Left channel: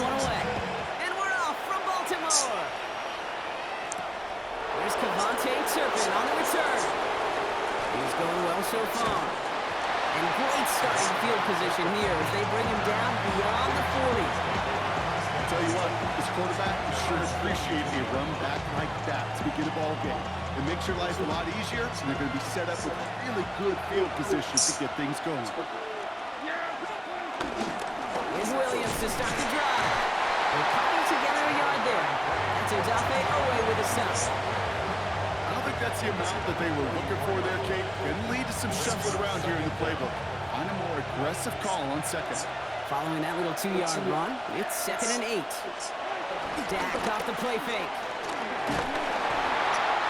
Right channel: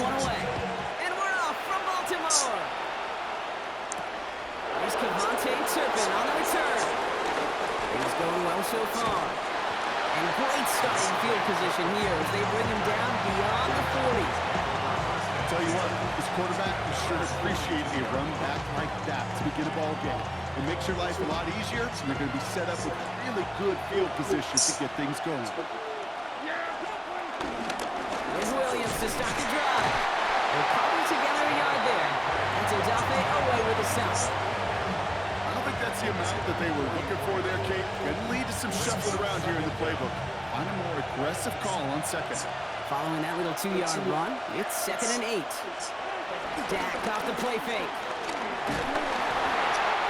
one away. And we're off from Baltimore. There's Cavante Turpin on the return. He's going well so far. And great starting field position here as they bring him down beyond the 40. I'll tell you what, this quarterback will sure appreciate a run back like that to begin a ball game. It makes your life a lot easier, and they're going to be set up with really good field position to get things going. Here's Williams to start the drive. They're cobbled together a yard there. That's Odafe away with a stop. I don't think that's the amount that they were looking for there, Kate. Going to lead to some shuffling around here in the playbook. Find a more aggressive call on second. Following that little 2-yard run, it's 2nd and 8. Dak off the play fake.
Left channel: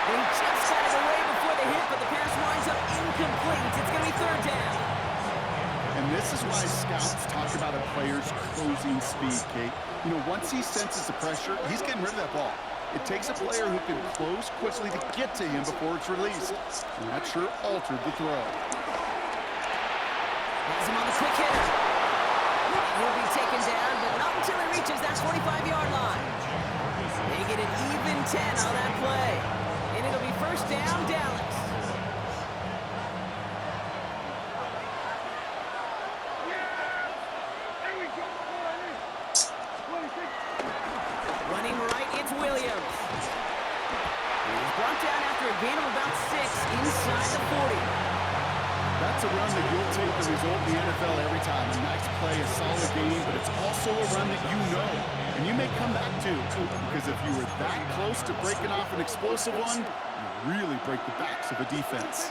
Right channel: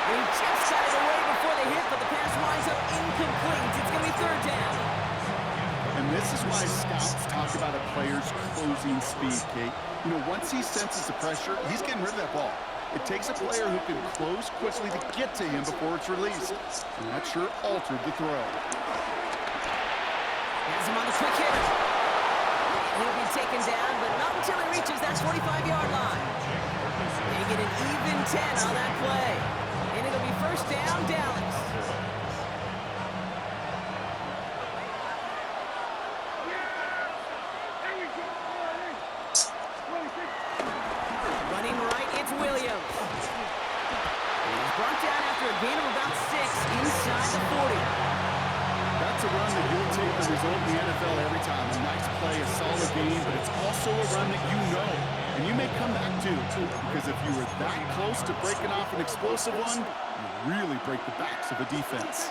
And he just got it away before the hit, but the pass winds up incomplete. It's going to be 3rd down. And this is why scouts talk about a player's closing speed, Kate. You know, once he senses the pressure, he's getting rid of that ball. It takes a player who can close quickly to get to him before it's released. And that sure altered the throw. Has him on the quick hitter. He'll be taken down, but not until he reaches that 45-yard line. They get an even 10 on that play. And it'll be 1st down, Dallas. Running right, it's Williams. He's brought down after a gain of about 6 inside the 40. That's a run that you'll take the result in the NFL every time. A nice play, a solid game, but it's also a run that you know. And you may come back to, because if you were that close to breaking off an explosive one, you really break the backs of a defense.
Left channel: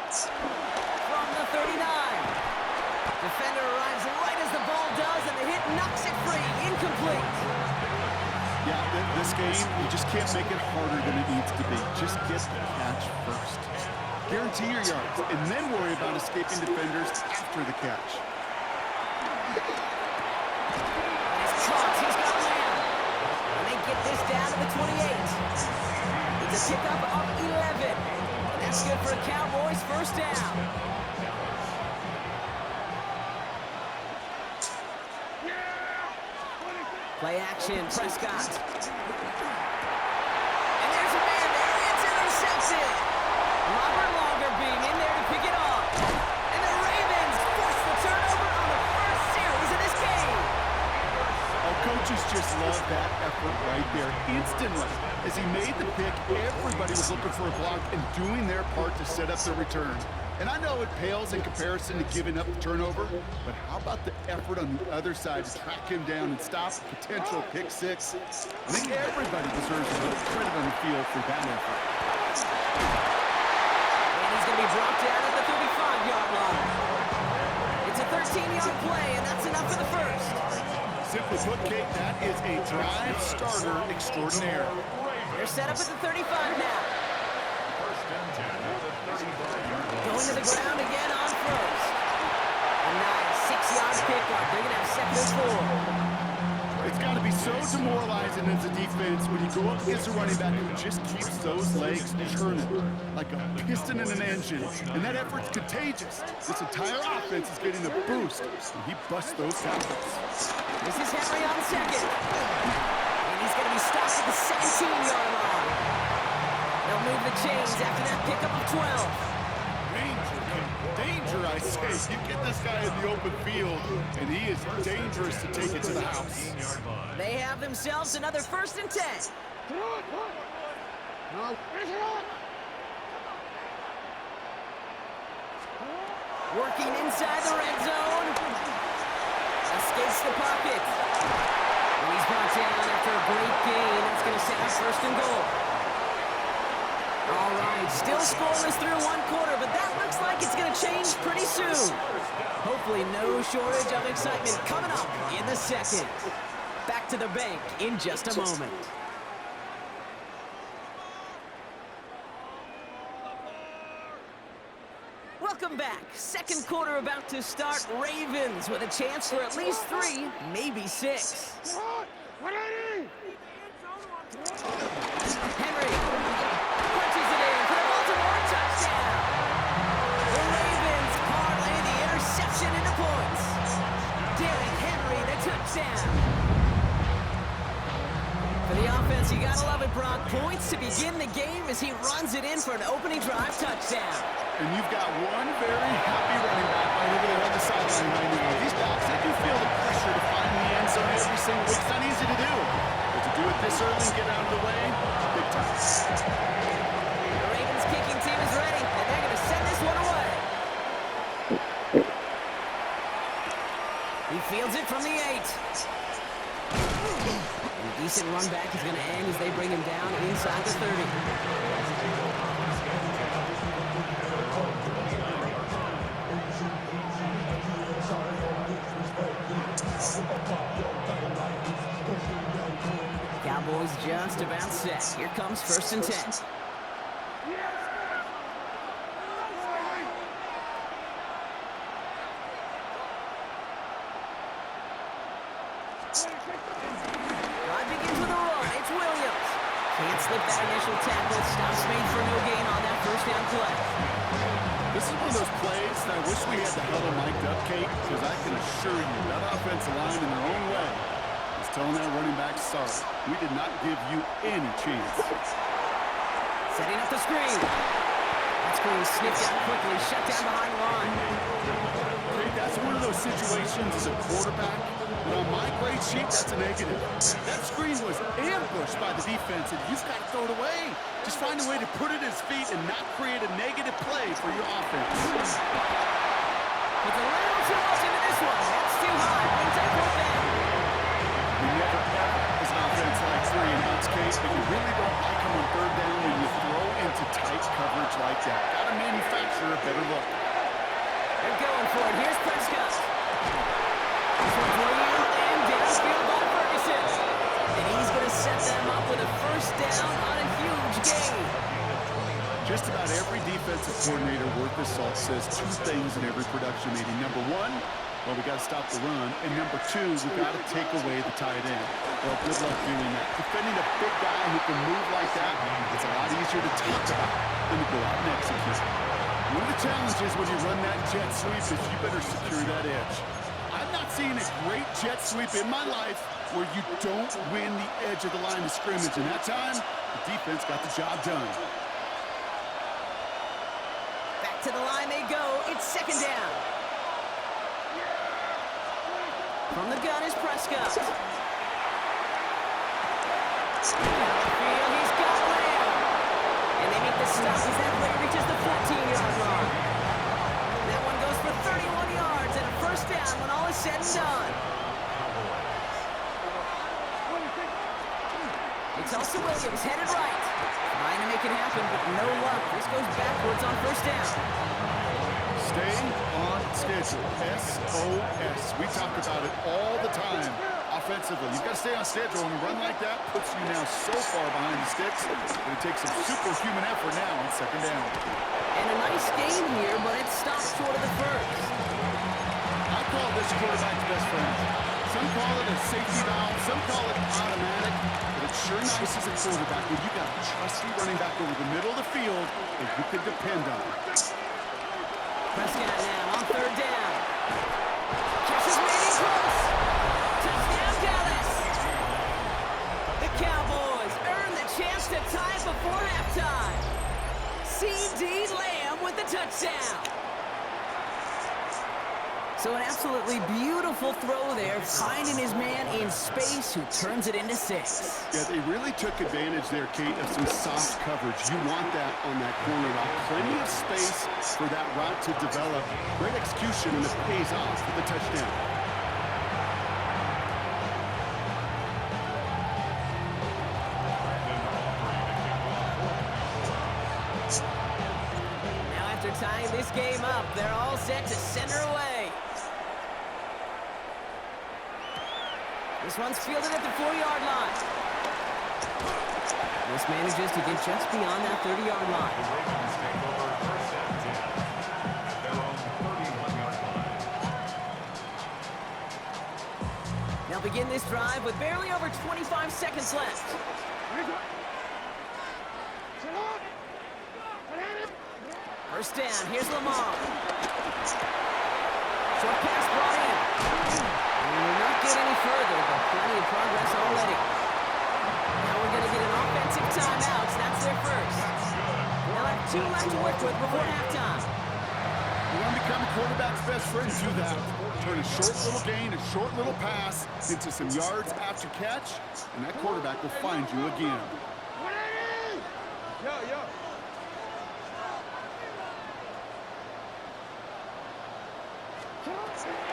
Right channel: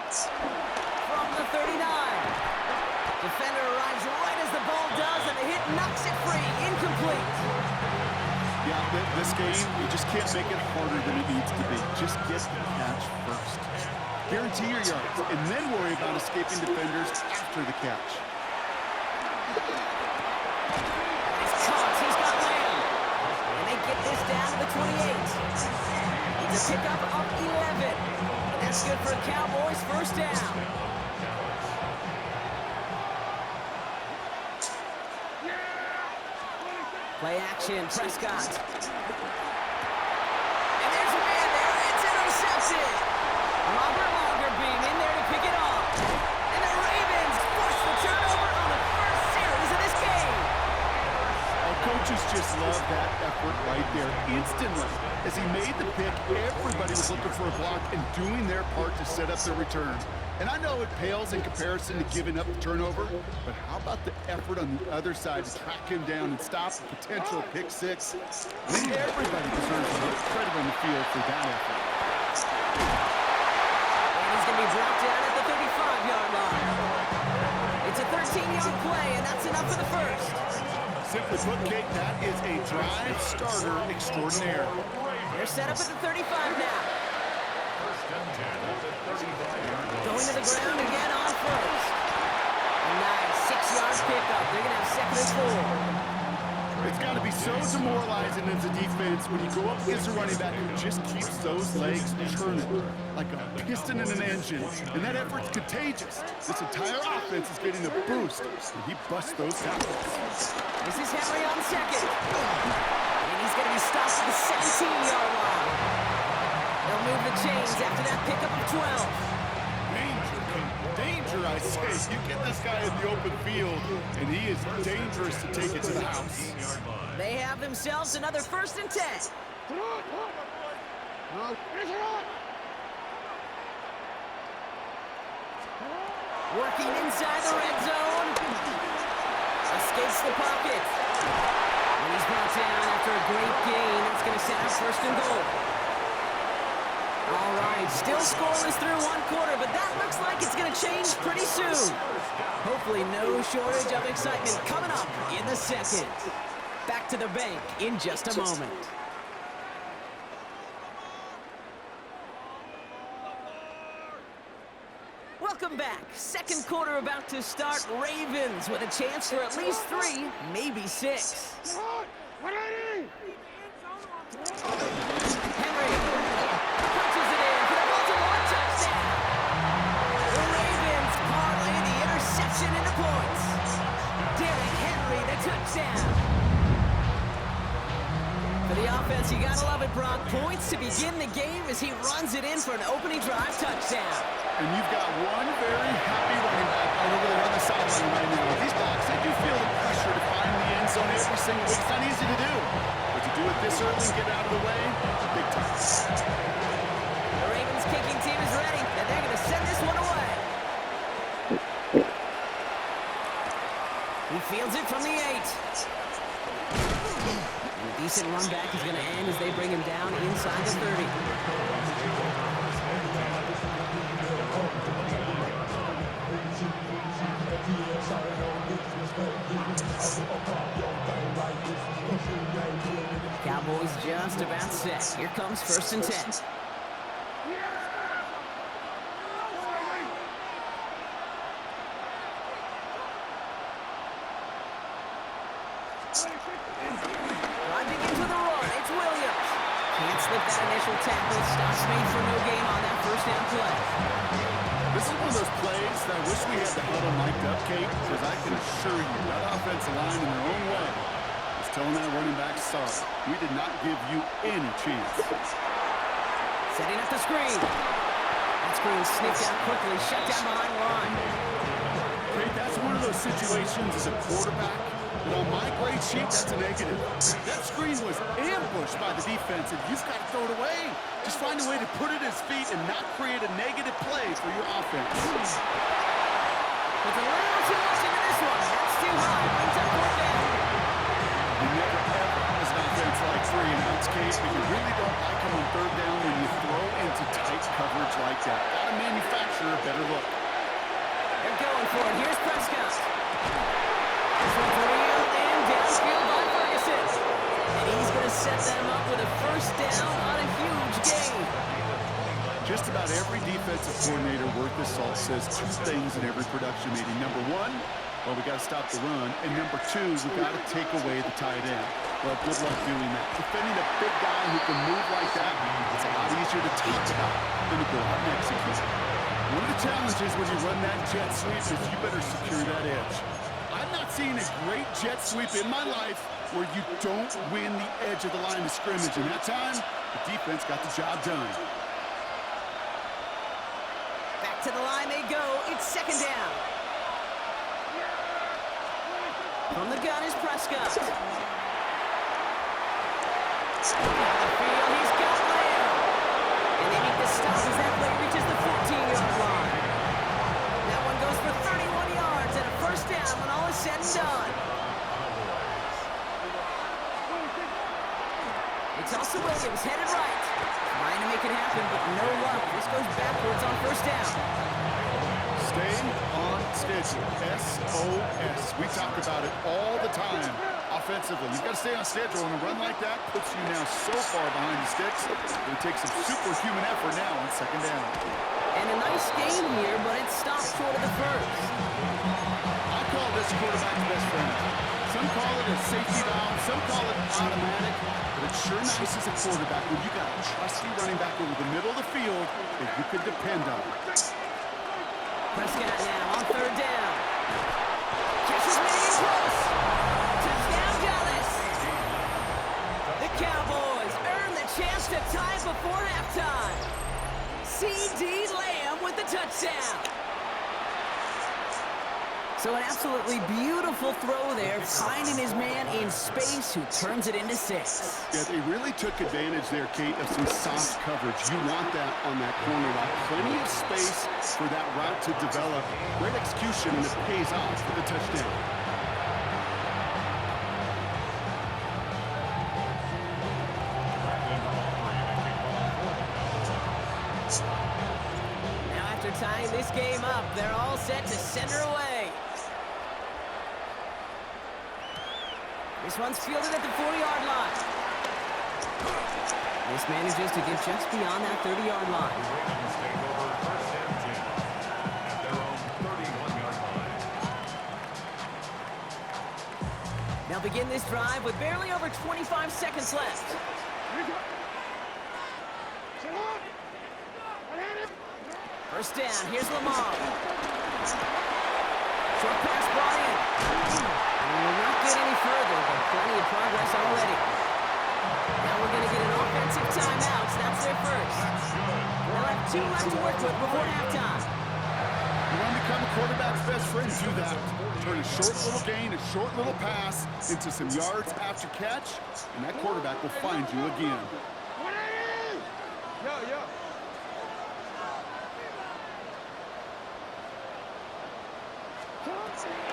From the 39. Defender arrives right as the ball does, and the hit knocks it free. Incomplete. Yeah, this game, you just can't make it harder than it needs to be. Just get the catch first. Guarantee your yards, and then worry about escaping defenders after the catch. And he's caught. He's got Lamb. And they get this down to the 28. It's a pickup of 11. And that's good for a Cowboys 1st down. Play action, Prescott. And there's a man there. It's intercepted. Robert Longerbeam in there to pick it off. And the Ravens force the turnover on the first series of this game. Oh, coaches just love that effort right there. Instantly, as he made the pick, everybody was looking for a block and doing their part to set up the return. And I know it pales in comparison to giving up the turnover, but how about the effort on the other side to track him down and stop a potential pick 6? I think everybody deserves a little credit on the field for that effort. He's going to be brought down at the 35-yard line. It's a 13-yard play, and that's enough for the 1st. Simply put, Kate, that is a drive starter extraordinaire. They're set up at the 35 now. Going to the ground again on 1st. A nice 6-yard pickup. They're going to have 2nd and 4. It's got to be so demoralizing as a defense when you go up against a running back who just keeps those legs churning like a piston in an engine. And that effort's contagious. This entire offense is getting a boost, and he busts those tackles. This is Henry on 2nd. And he's going to be stopped at the 17-yard line. They'll move the chains after that pickup of 12. Danger, I say. You get this guy in the open field, and he is dangerous to take it to the house. They have themselves another 1st and 10. Working inside the red zone. Escapes the pocket. And he's brought down after a great gain. That's going to set up 1st and goal. All right, still scoreless through 1 quarter, but that looks like it's going to change pretty soon. Hopefully no shortage of excitement coming up in the 2nd. Back to the bank in just a moment. Welcome back. 2nd quarter about to start. Ravens with a chance for at least 3, maybe 6. Henry punches it in for the Baltimore touchdown. The Ravens parlay the interception into points. Derrick Henry, the touchdown. got points to begin the game as he runs it in for an opening drive touchdown. And you've got one very happy running back right over there on the sideline right now. These backs, they do feel the pressure to find the end zone every single week. It's not easy to do. But to do it this early and get out of the way, big time. The Ravens kicking team is ready, and they're going to send this one away. He fields it from the 8. And a decent run back is going to end as they bring him down inside the 30. Cowboys just about set. Here comes 1st and 10. Drive begins with a run. It's Williams. Can't slip that initial tackle. Stops made for no gain on that 1st down play. This is one of those plays that I wish we had the huddle mic'd up, Kate, because I can assure you that offensive line in their own way is telling that running back, sorry, we did not give you any chance. Setting up the screen. That screen sniffed out quickly, shut down behind the line. Kate, that's one of those situations as a quarterback that on my grade sheet, that's a negative. That screen was ambushed by the defense, and you've got to throw it away. Just find a way to put it at his feet and not create a negative play for your offense. Puts a little too much into this one. That's too high. Brings up 4th down. You never, ever, as an offense, like 3 and outs, Kate, but you really don't like them on 3rd down when you throw into tight coverage like that. Got to manufacture a better look. They're going for it. Here's Prescott. This one's real and downfield by Ferguson. And he's going to set them up with a 1st down on a huge gain. Just about every defensive coordinator worth his salt says 2 things in every production meeting. Number 1, well, we got to stop the run. And number 2, we got to take away the tight end. Well, good luck doing that. Defending a big guy who can move like that, it's a lot easier to talk about than to go out and execute. One of the challenges when you run that jet sweep is you better secure that edge. I've not seen a great jet sweep in my life where you don't win the edge of the line of scrimmage. And that time, the defense got the job done. Back to the line they go. It's 2nd down. From the gun is Prescott. Down the field, he's got Lamb. And they make the stop as that play reaches the 14-yard line. That one goes for 31 yards and a 1st down when all is said and done. It's also Williams headed right. Trying to make it happen, but no luck. This goes backwards on 1st down. Stay on schedule. SOS. We talk about it all the time offensively. You've got to stay on schedule, and a run like that puts you now so far behind the sticks that it takes some superhuman effort now on 2nd down. And a nice gain here, but it stops short of the 1st. I call this quarterback's best friend. Some call it a safety valve, some call it automatic, but it's sure nice as a quarterback when you got a trusty running back over the middle of the field that you can depend on. Prescott now on 3rd down. Catch is maybe close. Touchdown, Dallas. The Cowboys earn the chance to tie before halftime. C.D. Lamb with the touchdown. So an absolutely beautiful throw there, finding his man in space who turns it into 6. Yeah, they really took advantage there, Kate, of some soft coverage. You want that on that corner route. Plenty of space for that route to develop. Great execution, and it pays off with the touchdown. Now after tying this game up, they're all set to send her away. This one's fielded at the 40-yard line. This manages to get just beyond that 30-yard line. The Ravens take over 1st and 10 at their own 31-yard line. They'll begin this drive with barely over 25 seconds left. First down, here's Lamar. Short pass brought in. And will not get any further, but plenty of progress already. Now we're going to get an offensive timeout. So that's their first. They'll have 2 left to work with before halftime. You want to become a quarterback's best friend, do that. Turn a short little gain, a short little pass into some yards after catch, and that quarterback will find you again.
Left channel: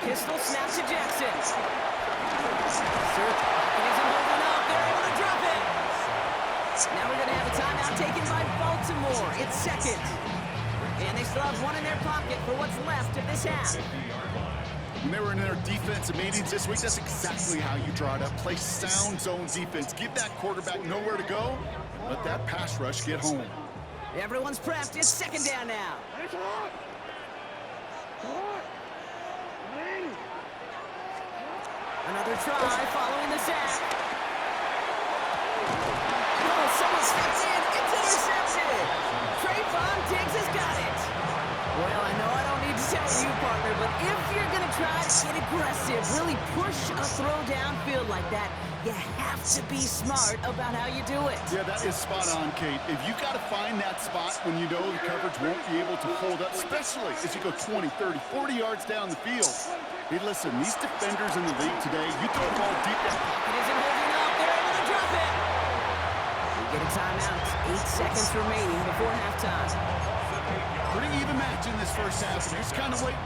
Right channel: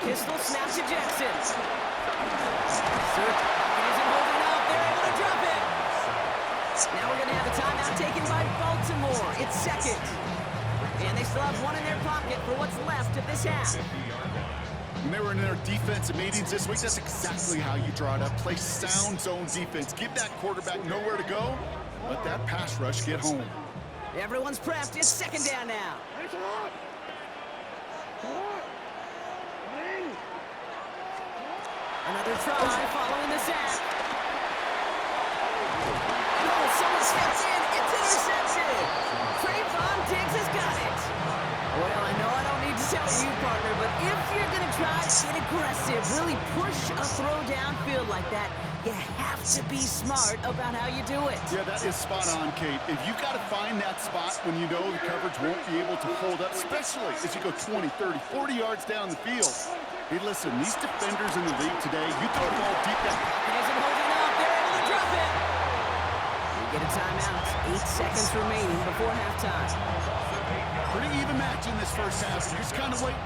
Pistol snap to Jackson. Search pocket isn't holding up. They're able to drop it. Now we're going to have a timeout taken by Baltimore. It's second. And they still have 1 in their pocket for what's left of this half. When they were in their defensive meetings this week, that's exactly how you draw it up. Play sound zone defense. Give that quarterback nowhere to go, and let that pass rush get home. Everyone's prepped. It's second down now. Another try following the sack. Oh, someone steps in. It's intercepted. Trayvon Diggs has got it. Well, I know I don't need to tell you, partner, but if you're going to try to get aggressive, really push a throw downfield like that, you have to be smart about how you do it. Yeah, that is spot on, Kate. If you got to find that spot when you know the coverage won't be able to hold up, especially as you go 20, 30, 40 yards down the field. Hey, listen, these defenders in the league today, you throw the ball deep down. Pocket isn't holding up. They're able to drop it. We get a timeout. 8 seconds remaining before halftime. Pretty even match in this first half. You're just kind of waiting.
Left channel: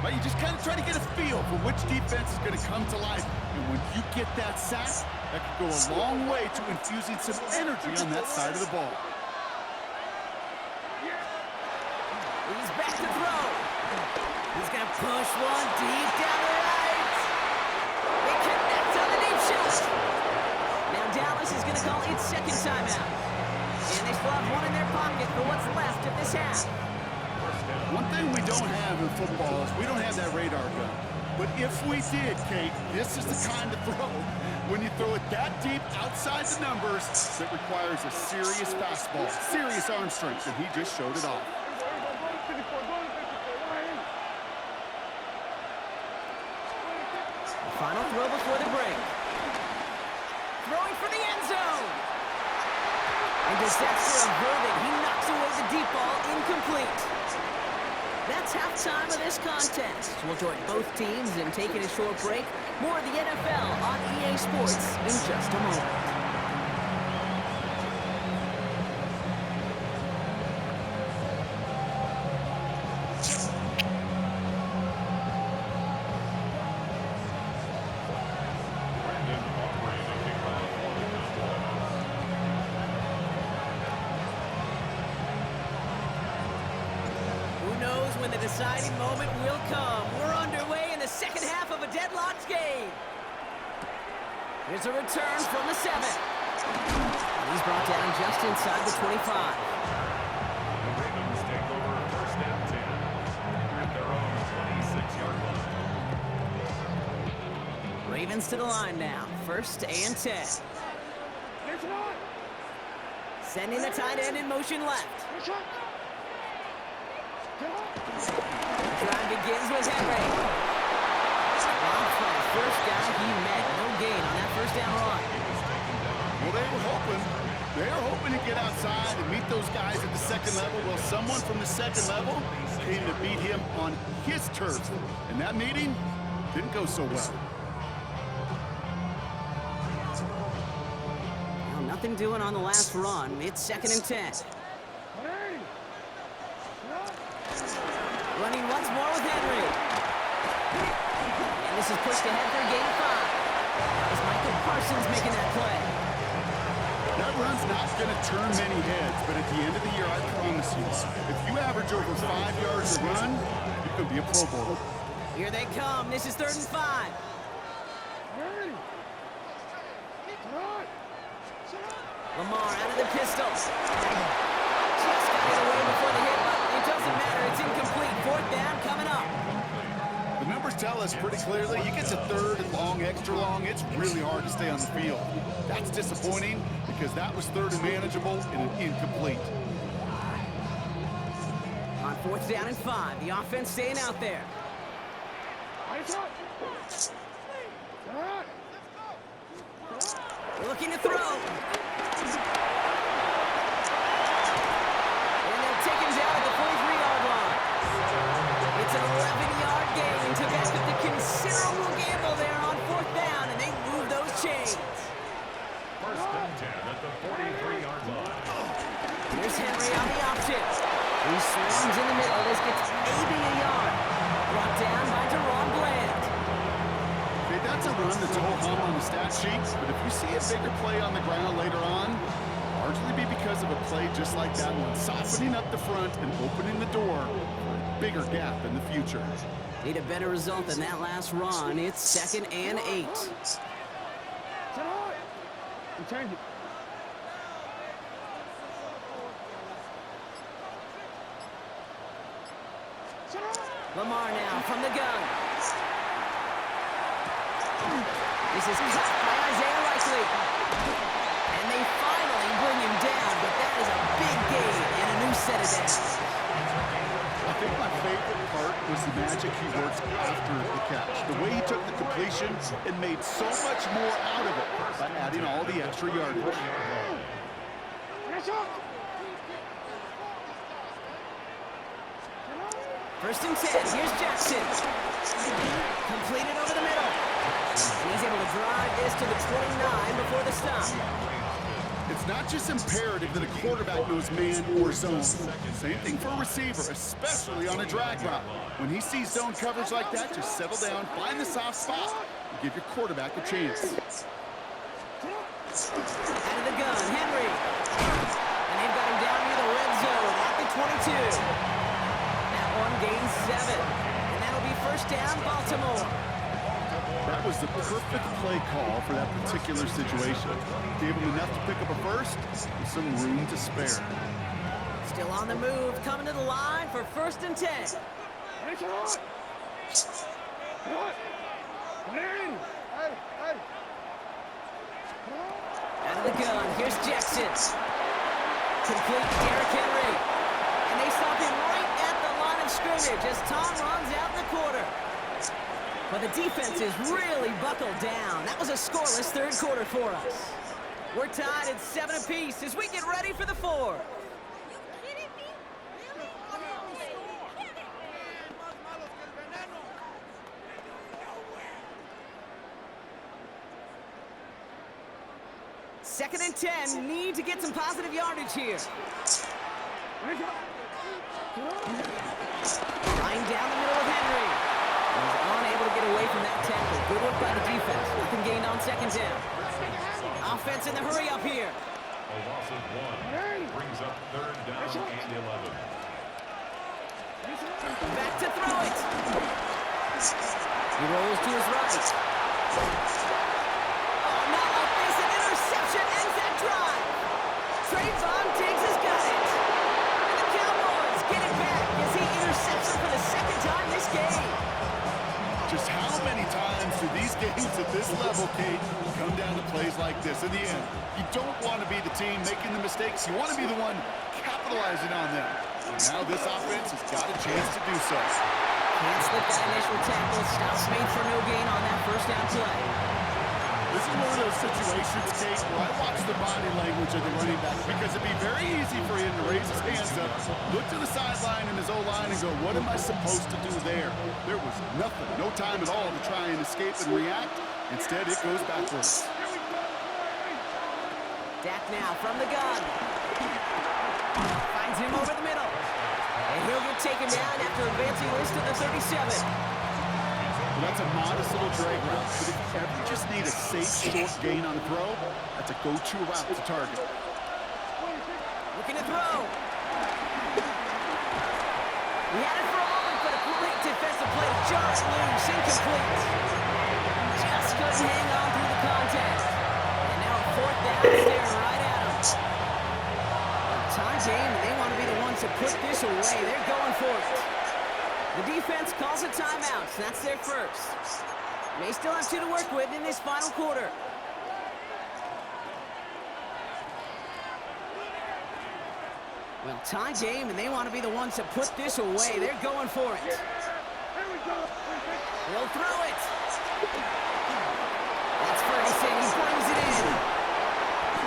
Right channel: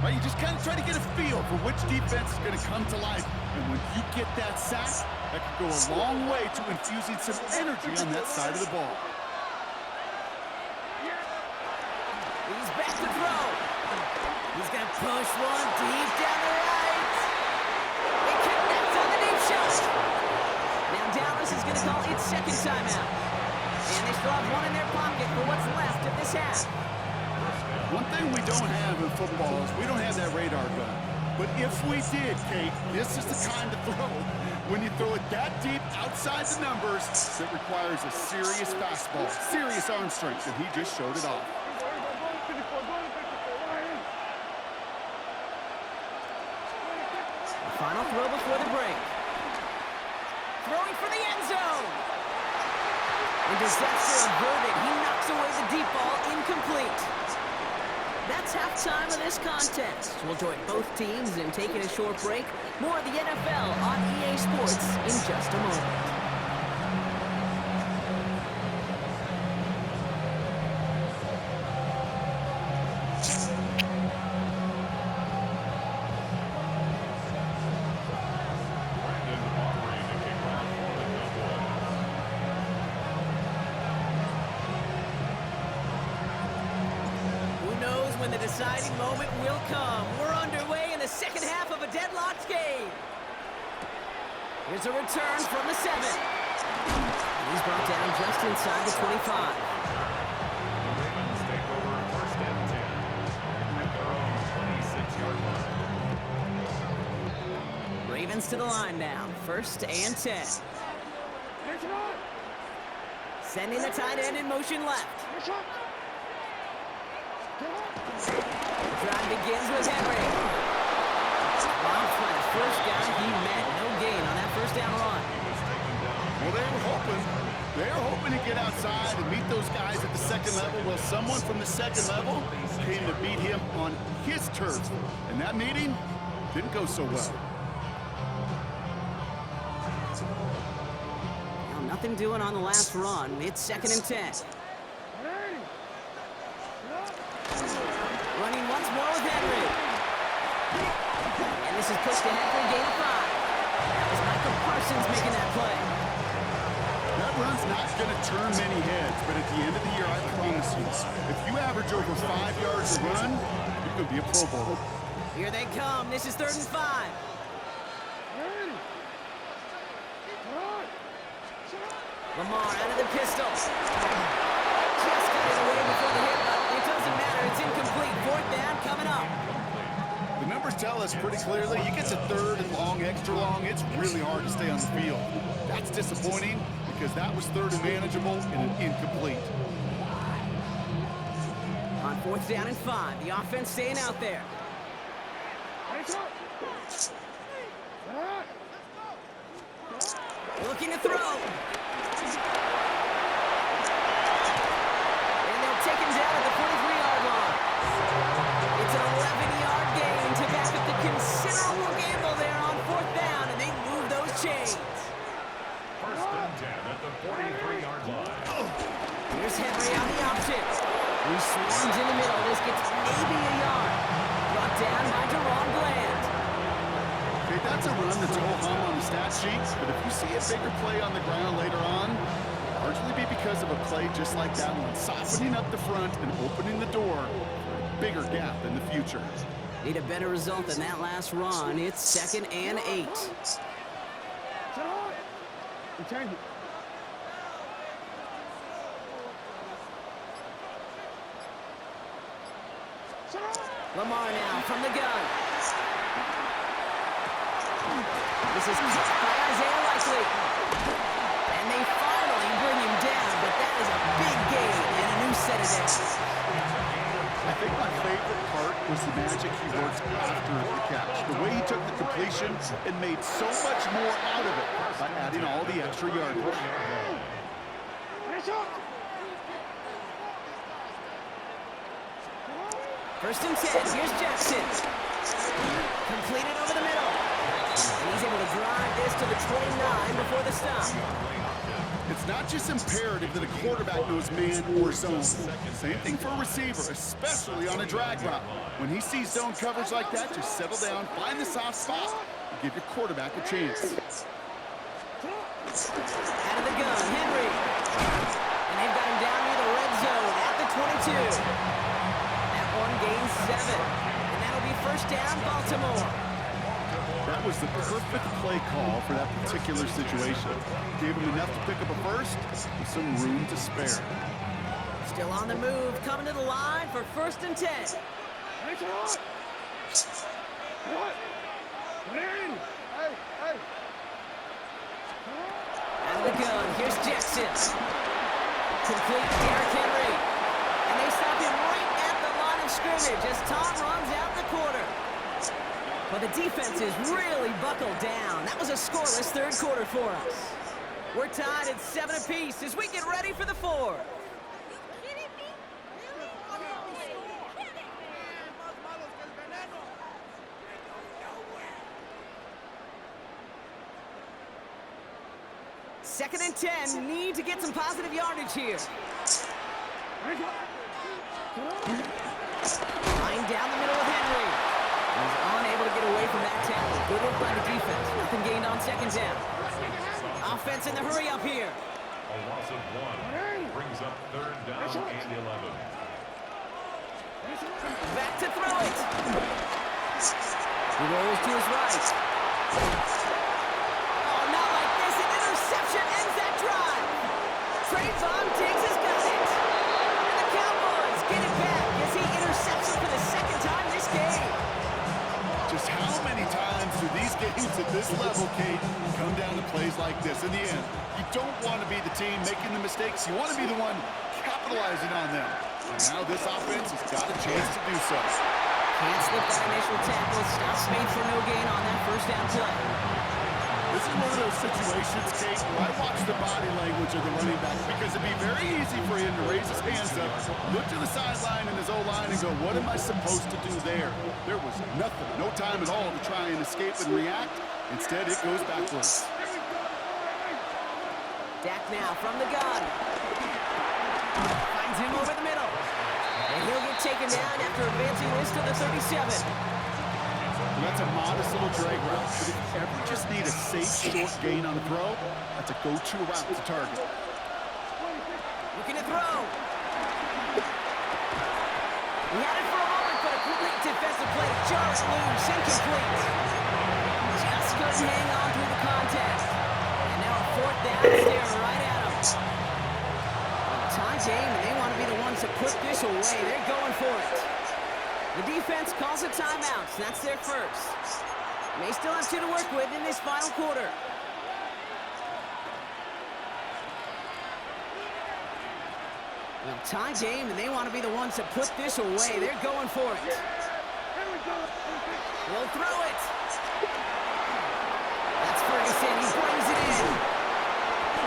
Right? You just kind of try to get a feel for which defense is going to come to life. And when you get that sack, that could go a long way to infusing some energy on that side of the ball. He's back to throw. He's going to push one deep down the right. They connect on the deep shot. Now Dallas is going to call its second timeout. And they still have 1 in their pocket for what's left of this half. One thing we don't have in football is we don't have that radar gun. But if we did, Kate, this is the kind of throw, when you throw it that deep outside the numbers, that requires a serious fastball, serious arm strength, and he just showed it off. The final throw before the break. Throwing for the end zone. And disaster averted. He knocks away the deep ball, incomplete. That's halftime of this contest. We'll join both teams in taking a short break. More of the NFL on EA Sports in just a moment. When the deciding moment will come. We're underway in the second half of a deadlocked game. Here's a return from the 7. And he's brought down just inside the 25. The Ravens take over first and 10 at their own 26-yard line. Ravens to the line now. First and 10. Sending the tight end in motion left. The drive begins with Henry. Wild flat, first guy he met. No gain on that first down run. Well, they were hoping to get outside and meet those guys at the second level. Well, someone from the second level came to beat him on his turf. And that meeting didn't go so well. Well, nothing doing on the last run. It's second and 10. Running once more with Henry. And this is pushed ahead for a gain of 5. That was Michael Parsons making that play. That run's not going to turn many heads, but at the end of the year, I promise you, if you average over 5 yards a run, you could be a Pro Bowler. Here they come. This is 3rd and 5. Lamar out of the pistol. Just got it away before the hit, but it doesn't matter. It's incomplete. 4th down coming up. The numbers tell us pretty clearly, you get to 3rd and long, extra long, it's really hard to stay on the field. That's disappointing because that was 3rd and manageable and an incomplete. On 4th down and 5, the offense staying out there. Looking to throw. And they'll take him down at the 43-yard line. It's an 11-yard gain to back up the considerable gamble there on 4th down, and they move those chains. First and 10 at the 43-yard line. Here's Henry on the option. He swarms in the middle. This gets maybe a yard. Brought down by Deron Bland. Okay, that's a run that's ho-hum on the stat sheet, but if you see a bigger play on the ground later on, it'll largely be because of a play just like that one, softening up the front and opening the door for a bigger gap in the future. Need a better result than that last run. It's 2nd and 8. Lamar now from the gun. This is caught by Isaiah Likely. And they finally bring him down, but that is a big gain and a new set of downs. I think my favorite part was the magic he worked after the catch. The way he took the completion and made so much more out of it by adding all the extra yardage. First and 10, here's Jackson. Completed over the middle. And he's able to drive this to the 29 before the stop. It's not just imperative that a quarterback knows man or zone. Same thing for a receiver, especially on a drag route. When he sees zone coverage like that, just settle down, find the soft spot, and give your quarterback a chance. Out of the gun, Henry. And they've got him down near the red zone at the 22. That one gains 7. And that'll be first down, Baltimore. That was the perfect play call for that particular situation. Gave him enough to pick up a first with some room to spare. Still on the move, coming to the line for first and 10. Out of the gun, here's Jackson. Complete Derrick Henry. And they stop him right at the line of scrimmage as Tom runs out the quarter. But the defense is really buckled down. That was a scoreless third quarter for us. We're tied at 7 apiece as we get ready for the 4th. Second and 10, need to get some positive yardage here. Line down the middle with Henry. He's unable to get away from that tackle. Good work by the defense. Nothing gained on second down. Offense in the hurry up here. A loss of 1 brings up 3rd down and 11. Back to throw it. He rolls to his right. Oh, not like this. An interception ends that drive. Trayvon Diggs has got it. And the Cowboys get it back as he intercepts him for the second time this game. Just how many times do these games at this level, Kate, come down to plays like this? In the end, you don't want to be the team making the mistakes. You want to be the one capitalizing on them. And now this offense has got a chance to do so. Can't slip that initial tackle. Stops made for no gain on that first down play. This is one of those situations, Kate, where I watch the body language of the running back because it'd be very easy for him to raise his hands up, look to the sideline in his O-line and go, what am I supposed to do there? There was nothing, no time at all to try and escape and react. Instead, it goes backwards. Dak now from the gun. Finds him over the middle. And he'll get taken down after advancing this to the 37. Well, that's a modest little drag route, but if you ever just need a safe, short gain on the throw, that's a go-to route to target. Looking to throw. He had it for a moment, but a great defensive play to jar it loose. Incomplete. Just couldn't hang on through the contact. And now a 4th down, staring right at him. A tie game, and they want to be the ones to put this away. They're going for it. The defense calls a timeout. That's their first. May still have 2 to work with in this final quarter. Well, tie game, and they want to be the ones to put this away. They're going for it. He'll throw it. That's Ferguson. He brings it in.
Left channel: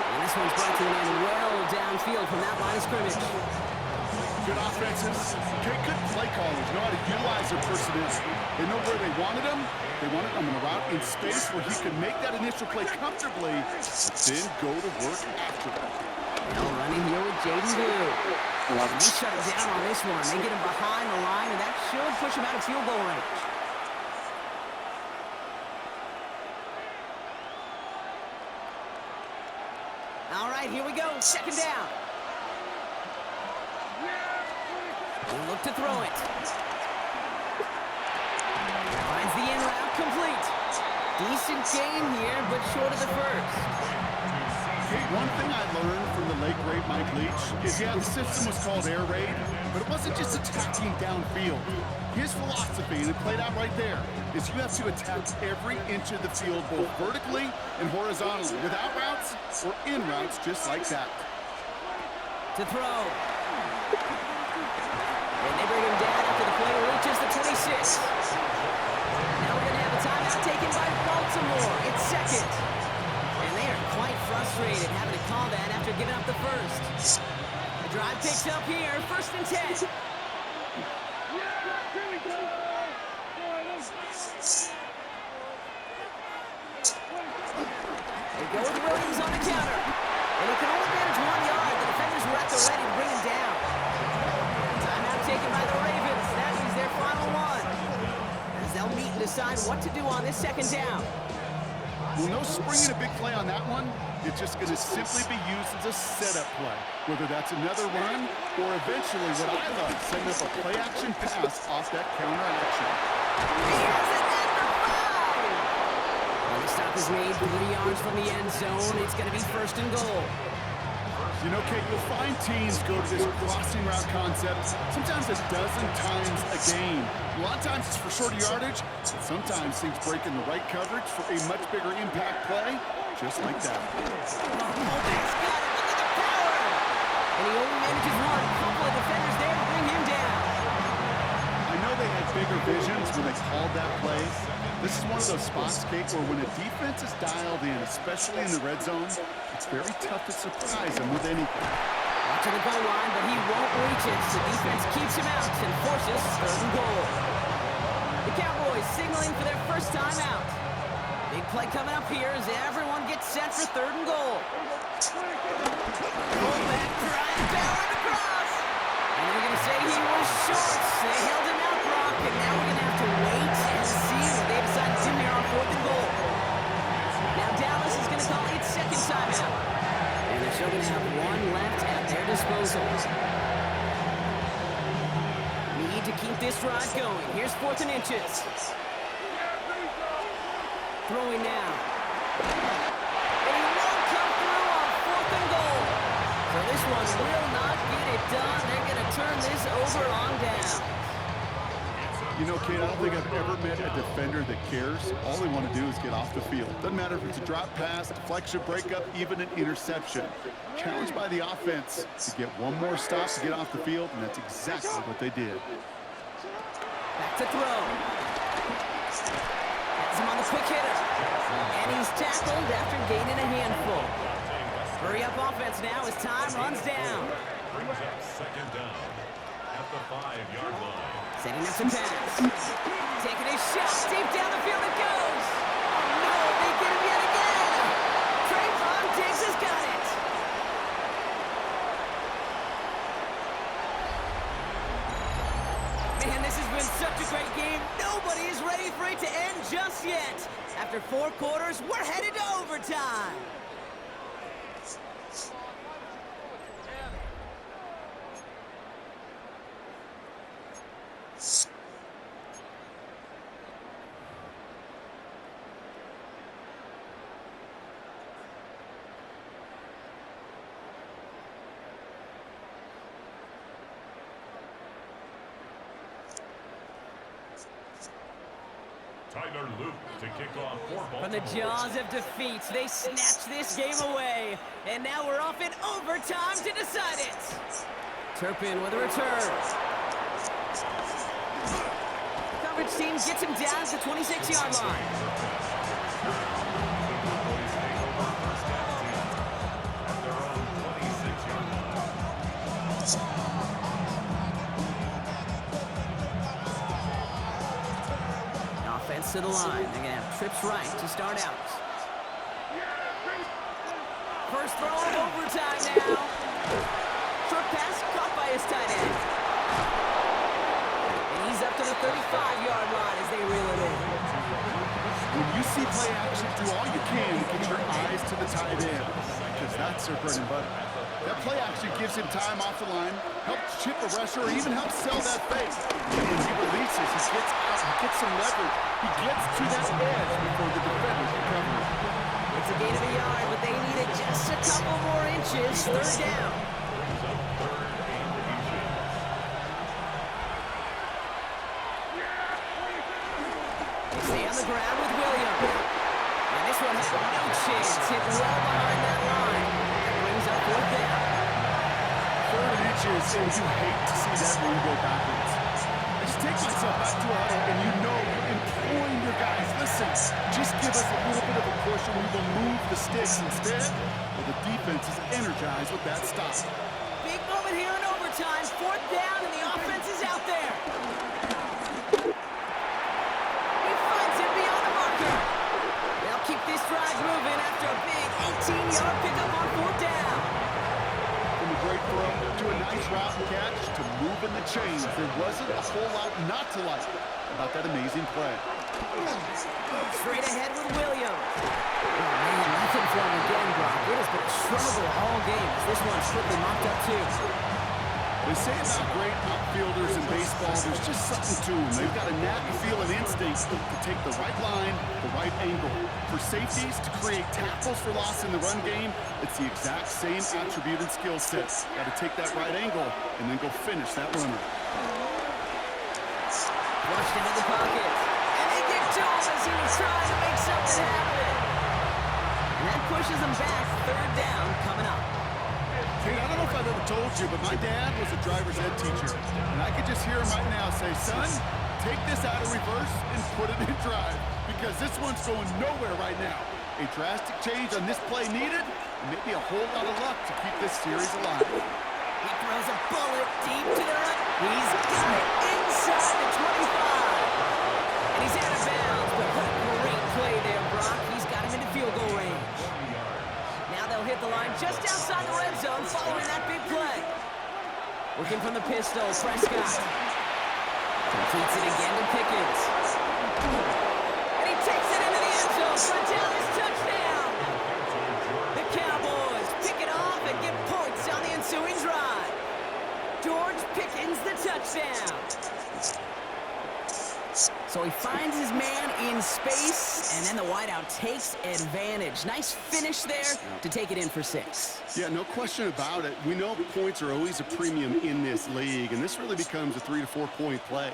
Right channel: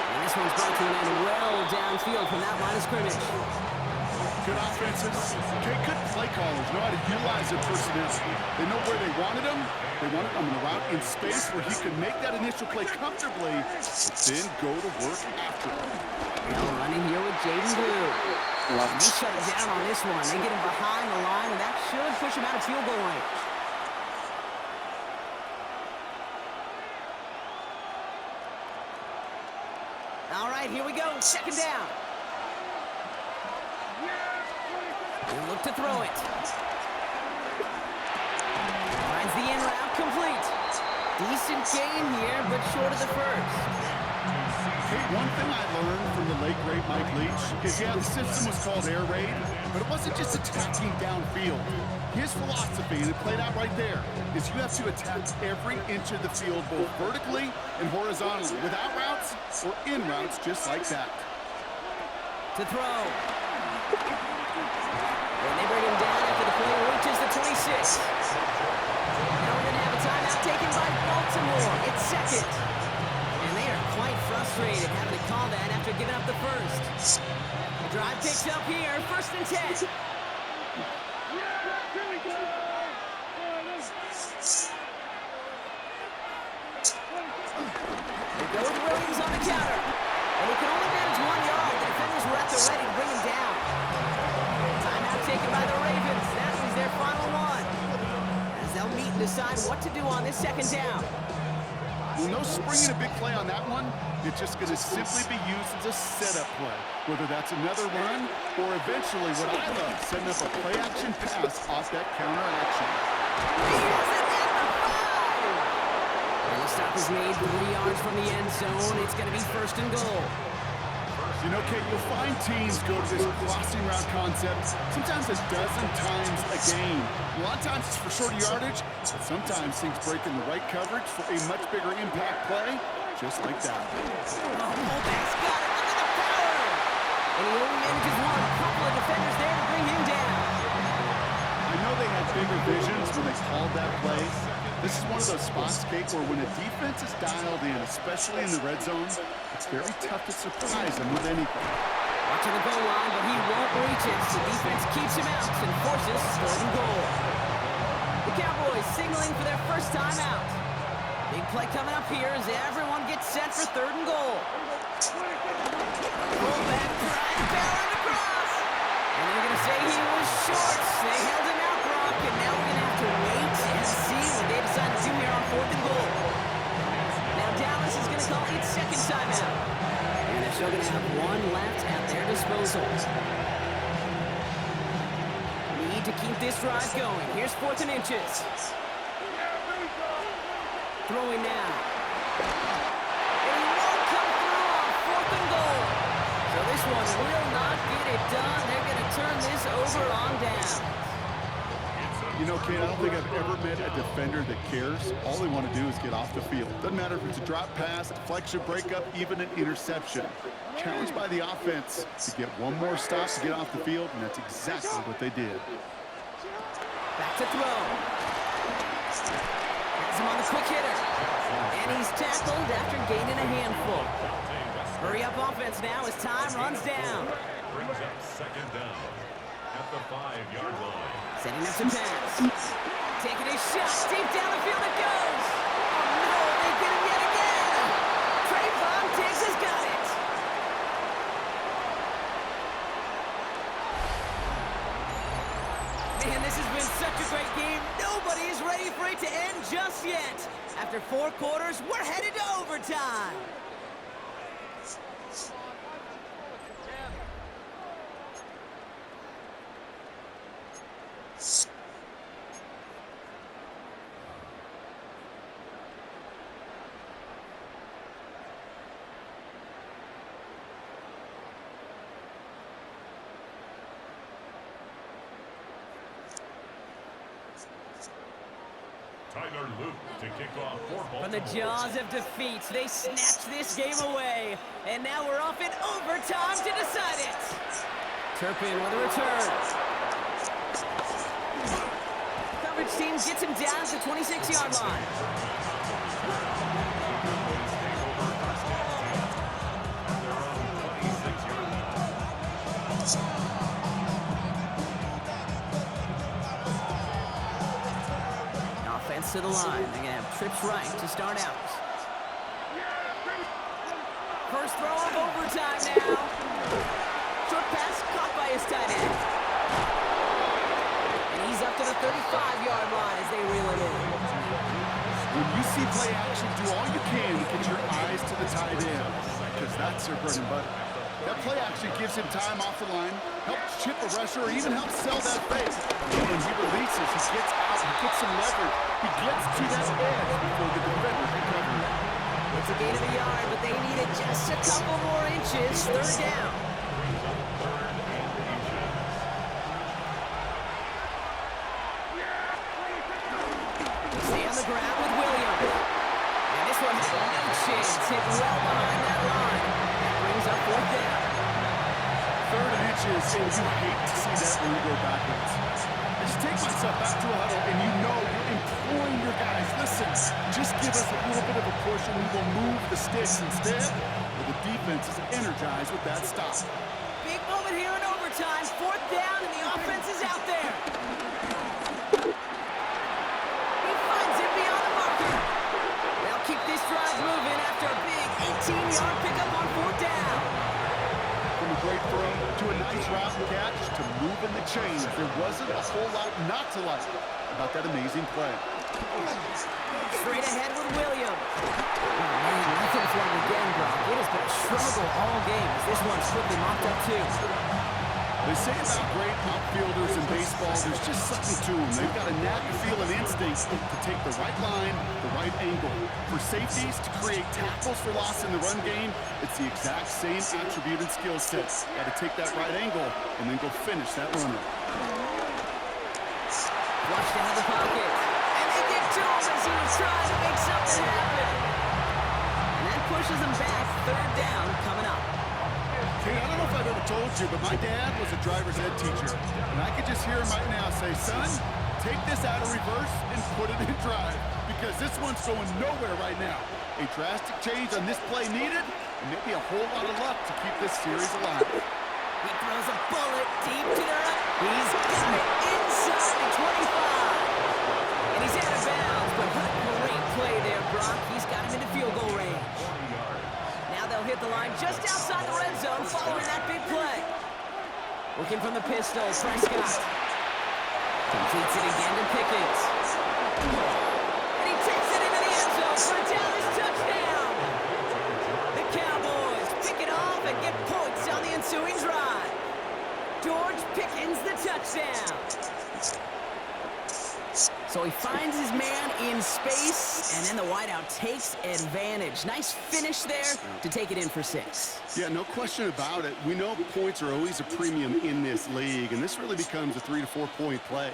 And this one's brought to an end well downfield from that line of scrimmage. Good offenses. Okay, good play callers know how to utilize their personnel. They know where they wanted them. They wanted them in a route in space where he could make that initial play comfortably, but then go to work after it. Now running here with Jaden Blue. They shut him down on this one. They get him behind the line, and that should push him out of field goal range. All right, here we go. Second down. He'll look to throw it. Finds the in route complete. Decent gain here, but short of the first. Hey, one thing I learned from the late great Mike Leach is, yeah, the system was called air raid, but it wasn't just attacking downfield. His philosophy, and it played out right there, is you have to attack every inch of the field, both vertically and horizontally, without routes or in routes, just like that. To throw. And they bring him down after the play reaches the 26. Now we're going to have a timeout taken by Baltimore. It's second. And they are quite frustrated having to call that after giving up the first. The drive picks up here, 1st and 10. They go with Williams on the counter. And he can only manage 1 yard. The defenders were at the ready to bring him down. Timeout taken by the Ravens. That means their final one. As they'll meet and decide what to do on this second down. Well, no springing a big play on that one. It's just going to simply be used as a setup play, whether that's another run or eventually what I love, setting up a play-action pass off that counter action. He has it at the 5! And the stop is made 3 yards from the end zone. It's going to be 1st and goal. You know, Kate, you'll find teams go to this crossing route concept sometimes a dozen times a game. A lot of times it's for shorter yardage, but sometimes things break in the right coverage for a much bigger impact play, just like that. Oh, fullback's got it. Look at the power! And he only manages one. Couple of defenders there to bring him down. I know they had bigger visions when they called that play. This is one of those spots, Kate, where when a defense is dialed in, especially in the red zone, it's very tough to surprise them with anything. Watching the goal line, but he won't reach it. The defense keeps him out and forces 3rd and goal. The Cowboys signaling for their first time out. Big play coming up here as everyone gets set for 3rd and goal. Fullback trying to power it across. And they're going to say he was short. They held him out, Brock, and now we're going to have to wait and see what they decide to do here on 4th and goal. Now Dallas is going to call its second timeout. And they're still going to have 1 left at their disposal. Need to keep this drive going. Here's 4th and inches. Throwing now. And he won't come through on 4th and goal. So this one will not get it done. They're going to turn this over on down. You know, Kate, I don't think I've ever met a defender that cares. All they want to do is get off the field. Doesn't matter if it's a drop pass, deflection, breakup, even an interception. Challenged by the offense to get one more stop to get off the field, and that's exactly what they did. Back to throw. Has him on the quick hitter. And he's tackled after gaining a handful. Hurry up offense now as time runs down. Brings up 2nd down at the 5-yard line. Setting up to pass. Taking a shot. Deep down the field it goes. Oh, no. They get him yet again. Trayvon Diggs has got it. Man, this has been such a great game. Nobody is ready for it to end just yet. After 4 quarters, we're headed to overtime. Tyler Luke to kick off for Baltimore. From the jaws of defeat, they snatched this game away. And now we're off in overtime to decide it. Turpin with a return. Coverage team gets him down to the 26-yard line. offense to the line. They're going to have trips right to start out. First throw of overtime now. Short pass caught by his tight end. And he's up to the 35-yard line as they reel it in. When you see play action, do all you can to get your eyes to the tight end, because that's their bread and butter. That play action gives him time off the line, helps chip a rusher, or even helps sell that fake. When he releases, he gets out, he gets some leverage. He gets to that edge before the defenders can cover it. It's a gain of a yard, but they needed just a couple more inches. Third down. Brings up third and inches. They stay on the ground with Williams. And this one had no chance. Hit well behind that line. That brings up fourth down. Third and inches, and you hate to see that run go backwards. I just take myself back to a huddle, and you know you're imploring your guys, listen, just give us a little bit of a push, and we will move the sticks instead. Well, the defense is energized with that stop. Big moment here in overtime. Fourth down, and the offense is out there. He finds it beyond the marker. They'll keep this drive moving after a big 18-yard pickup on fourth down. From a great throw to a nice route and catch to moving the chains, there wasn't a whole lot not to like about that amazing play. Straight ahead with Williams. Oh, man, nothing for him again, Brock. It has been a struggle all game as this one's quickly mopped up, too. They say about great outfielders in baseball, there's just something to them. They've got a knack, a feel, and instinct to take the right line, the right angle. For safeties, to create tackles for loss in the run game, it's the exact same attribute and skill set. Got to take that right angle and then go finish that runner. Flushed into the pocket. And they get to him as he was trying to make something happen. And that pushes them back. Third down coming up. Kate, I don't know if I've ever told you, but my dad was a driver's ed teacher. And I could just hear him right now say, son, take this out of reverse and put it in drive, because this one's going nowhere right now. A drastic change on this play needed, and maybe a whole lot of luck to keep this series alive. He throws a bullet deep to the right. He's got it inside the 25. And he's out of bounds, but what a great play there, Brock. He's got him into field goal range. Now they'll hit the line just outside the red zone following that big play. Working from the pistol, Prescott. Completes it again to Pickens. And he takes it into the end zone for a Dallas touchdown. The Cowboys pick it off and get points on the ensuing drive. George Pickens the touchdown. So he finds his man in space, and then the wideout takes advantage. Nice finish there to take it in for 6. Yeah, no question about it. We know points are always a premium in this league, and this really becomes a 3 to 4 point play.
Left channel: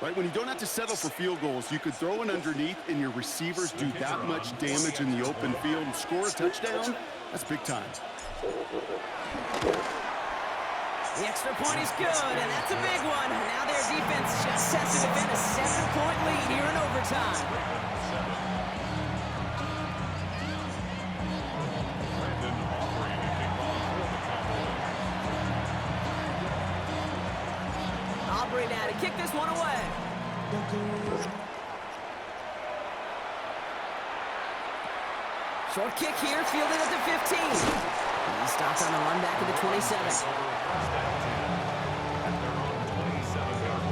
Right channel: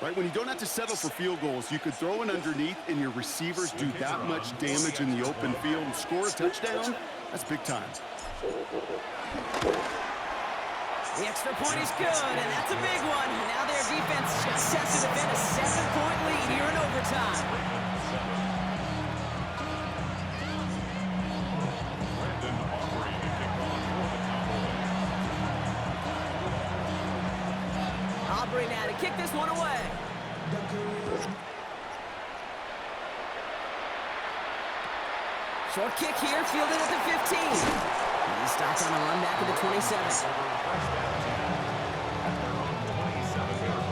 Right, when you don't have to settle for field goals, you could throw it underneath and your receivers do that much damage in the open field and score a touchdown. That's big time. The extra point is good, and that's a big one. Now their defense just has to defend a 7-point lead here in overtime. Brandon Aubrey to kick off for the Cowboys. Aubrey now to kick this one away. Short kick here, fielded at the 15. He stops on the run back at the 27. First down 10 at their own 27-yard line.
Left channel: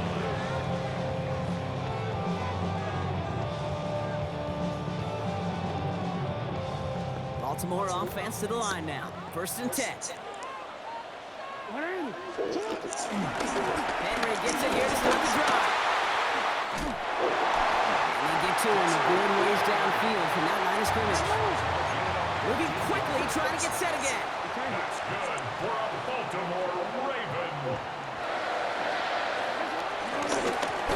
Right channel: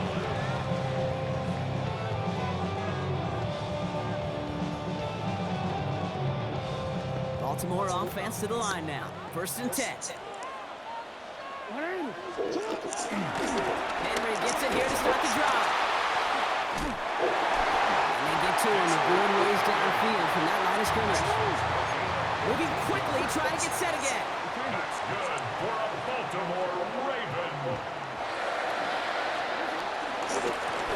Baltimore offense to the line now. First and 10. Henry gets it here to start the drive. And they get to him a good ways downfield from that line of scrimmage. Moving quickly, trying to get set again. That's good for a Baltimore Raven.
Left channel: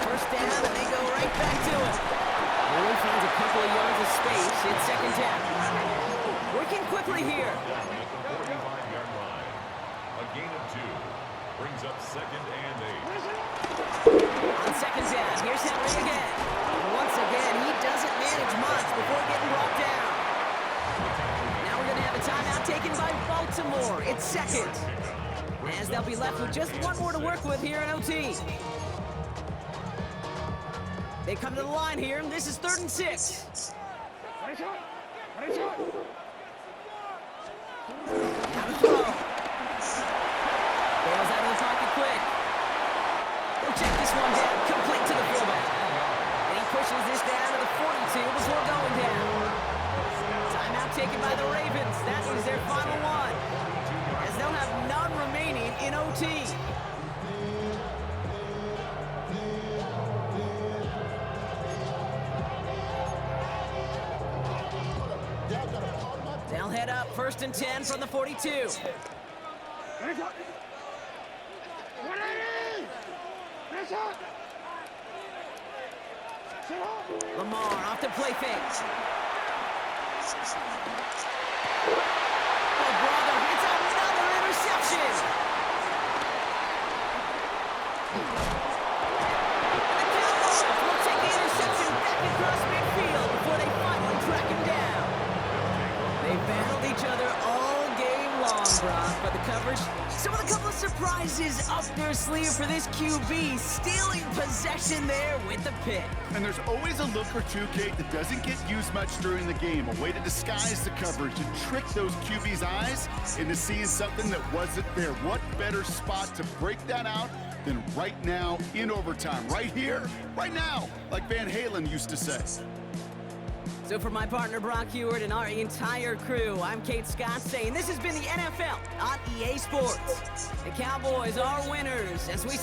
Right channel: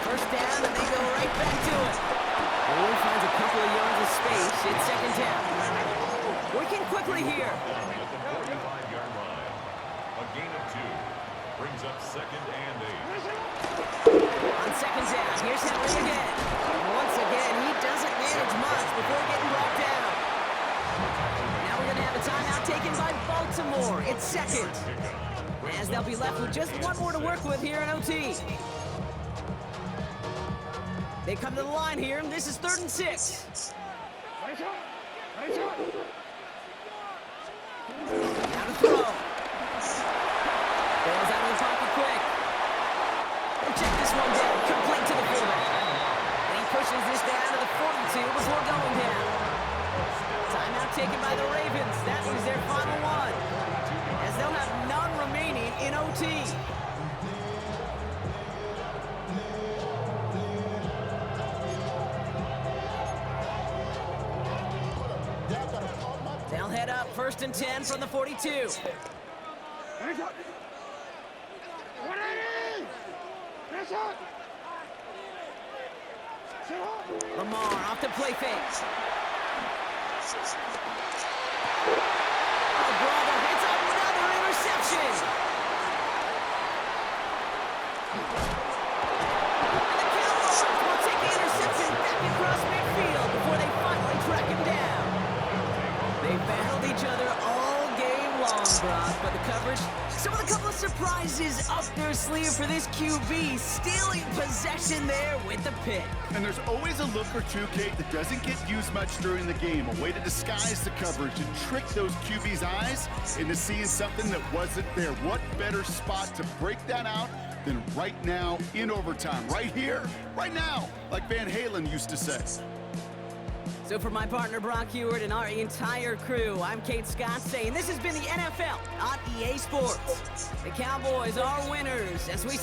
First down, and they go right back to it. Only finds a couple of yards of space. It's second down. Working quickly here. Down at the 45-yard line. A gain of 2 brings up second and 8. On second down, here's Henry again. And once again, he doesn't manage much before getting brought down. Now we're going to have a timeout taken by Baltimore. It's second. As they'll be left with just one more to work with here in OT. They come to the line here, and this is 3rd and 6. Now to throw. Bails out of the pocket quick. He'll check this one down, complete to the fullback. And he pushes this down to the 42 before going down. Timeout taken by the Ravens. That is their final one, as they'll have none remaining in OT. They'll head up 1st and 10 from the 42. Lamar off the play fake. Oh, brother, it's another interception. And the Cowboys will take the interception back across midfield before they finally track him down. They battled each other all game long, Brock, but the coverage, some of the couple of surprises up their sleeve for this QB, stealing possession there with the pick. And there's always a look or two, Kate, that doesn't get used much during the game. A way to disguise the coverage and trick those QB's eyes into seeing something that wasn't there. What better spot to break that out than right now in overtime? Right here, right now, like Van Halen used to say. So for my partner Brock Heward and our entire crew, I'm Kate Scott saying this has been the NFL on EA Sports. The Cowboys are winners as we say